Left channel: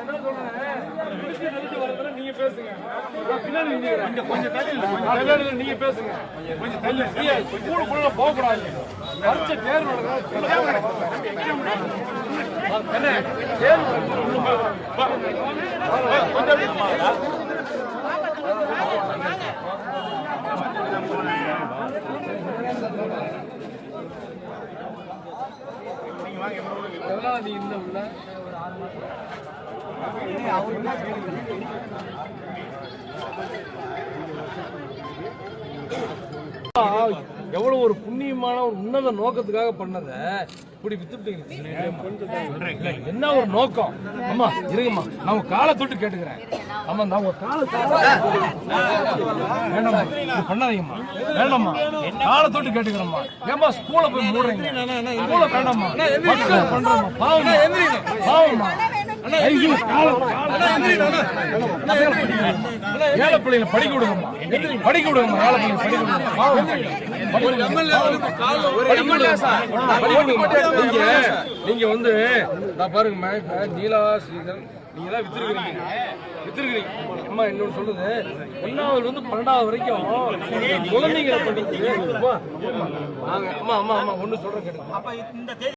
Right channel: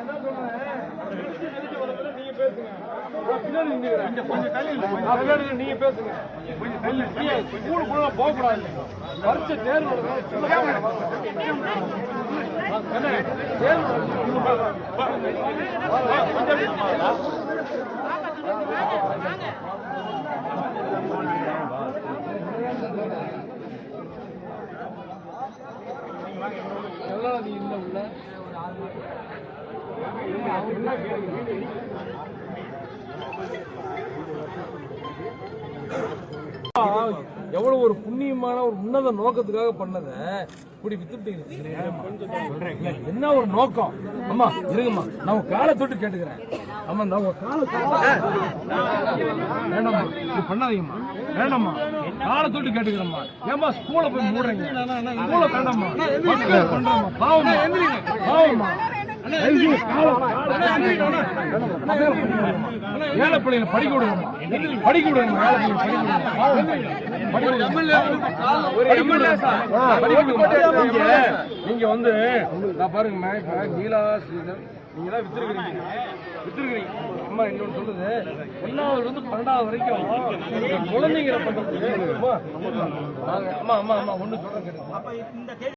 என்ன சொல்றேன், நீங்க பேசுங்க. நீங்க பேசுங்க. போக கூடாது. பரிச்சை தேர்வு எல்லாம் நீ இந்த உள்ள எவ்வளவு ஒரு புண்ணியமான ஒரு உன்னத நோக்கத்துக்காக பண்ணத இப்படி வித்துட்டீங்க. என்ன ஒரு நோக்கம்? அம்மா இருங்கம்மா, நம்ம காலை தொட்டு கேட்டுக்கிறேன். ஆமா, நம்ம காலை வேண்டாம்மா, இது பண்ணாதீங்கம்மா, வேண்டாம்மா, காலை தொட்டு கேட்டுக்கிறேம்மா. ஏமா ஸ்கூல போய் மூடுறீங்க? ஸ்கூல வேண்டாம்மா, பண்றோம்மா, பாவமா பாவமா. ஏழை பிள்ளைங்க படிக்க விடுங்கம்மா, படிக்க விடுங்கம்மா, ஏழை பிள்ளைங்க நீங்க வந்து நான் பாருங்க, நீலா ஸ்ரீதர் நீங்க தான் வித்துருக்கீங்க. அம்மா இன்னொன்னு சொல்லுது, 1வது இருந்து 12வது வரைக்கும் குழந்தைங்களை பண்றது. அம்மா அம்மா அம்மா ஒண்ணு சொல்றேன் கேட்டீங்க.